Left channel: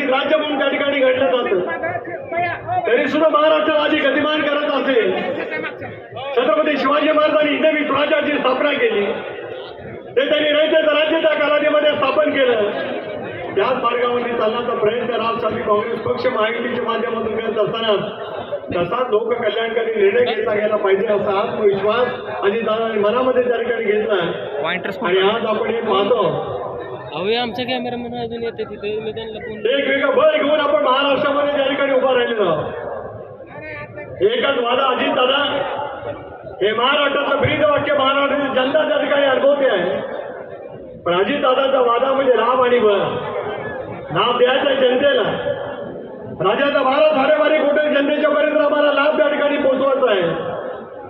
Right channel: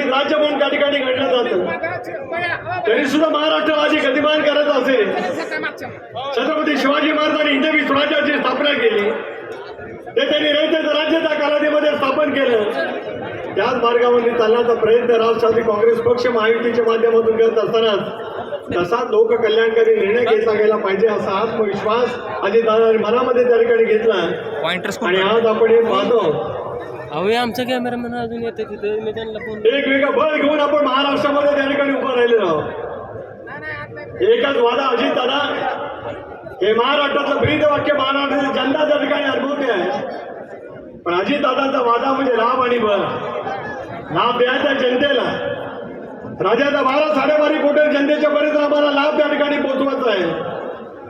कदाचित राज्य म्हणून त्या ठिकाणी घडलं जातं. तरी सुद्धा महाराष्ट्र आधी गतिमान करत असेल छत्रपती शिवाजी महाराजांनी हिंदवी स्वराज्याची स्थापना केली. ते त्यांनी रयतेचं राज्य त्या कालावधीमध्ये स्थापन केलं. त्याच मार्गावर चालण्याचा प्रयत्न राष्ट्रवादी काँग्रेस पक्ष महायुतीच्या माध्यमातून करत असताना कसा लोककल्याणकारी निर्णय घेतला गेला पाहिजे असा आत्मविश्वास अजित दादांनी मनामध्ये त्या ठिकाणी घेतला. आणि आज आपण हे पाहतो अहो हे आमचे कॅमेरामॅन अजून येते तिथे. मी त्यांना फोन एक वेगळं बळ घेऊन आपण महाराष्ट्रामध्ये त्या ठिकाणी उभा राहिलेलो आहोत. एकच वादा अजित दादा. हे महाराष्ट्राचं ब्रीद वाक्य महाराष्ट्राची जनता त्या ठिकाणी अनुभवते आहे. पण अजित दादाचा वादा म्हणजे लाभ आणि बळ. लाभ द्यायचा जनतेला. राज्याचा बारा साडेबारा कोटी जनतेच्या पर्यंत आम्हाला लाभ त्या ठिकाणी पोहोचवायचा आहे.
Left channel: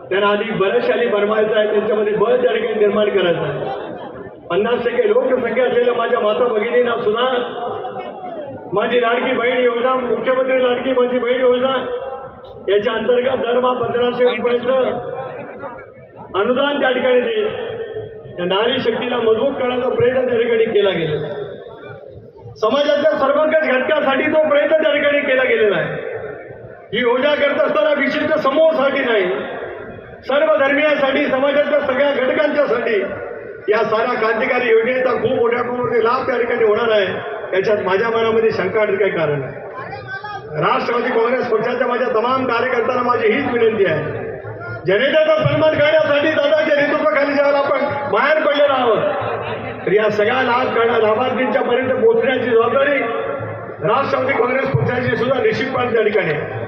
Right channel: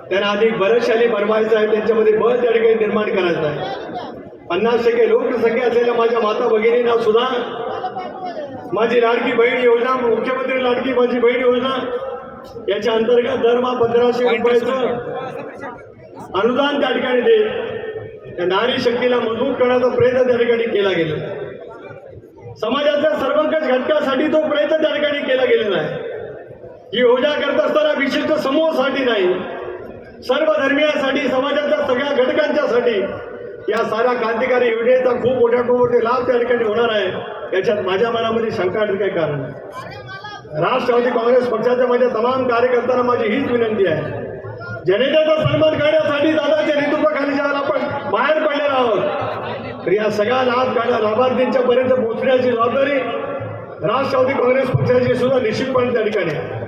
त्यांना अधिक बलशाली बनवायचं आहे त्यांच्यामध्ये बळ त्या ठिकाणी निर्माण करायचं आहे. पन्नास टक्के लोकसंख्या असलेल्या माझ्या माता भगिनींना सुद्धा माझी लाडकी बहीण योजना मुख्यमंत्री लाडकी माझी बहीण योजना याच्या अंतर्गत दरमहा पंधराशे रुपयाचं अनुदान त्या ठिकाणी देईल. त्या नारी शक्तीला मजबूत करण्याचा प्रयत्न त्या ठिकाणी केला गेला. समाजाच्या सर्वंकष घटकासाठी तो प्रयत्न त्या ठिकाणी केला गेलेला आहे. ही योजना करत असताना विशिष्ट समूहासाठी नाही सर्व धर्मियांसाठी समाजाच्या सगळ्या घटकांच्यासाठी या साऱ्या क्रांतिकारी योजनेचा खूप मोठ्या प्रमाणामध्ये लाभ त्या ठिकाणी होणार आहे. याच्यात माझ्या मनामध्ये शंका काही कारण आहे राष्ट्रवादी काँग्रेस पक्षाच्या माझ्या तमाम कार्यकर्त्यांना माझी हीच विनंती आहे. जनतेचा सन्मान करण्यासाठी दादाच्या नेतृत्वाखाली ज्यावेळेला आपण बाहेर पडलेलो आहोत तर या सगळ्या लाभ करणं लाभार्थींच्या पर्यंत पोहोचण्याची जबाबदारी राष्ट्रवादी काँग्रेस पक्षाची सुद्धा निश्चितपणे त्या ठिकाणी आहे.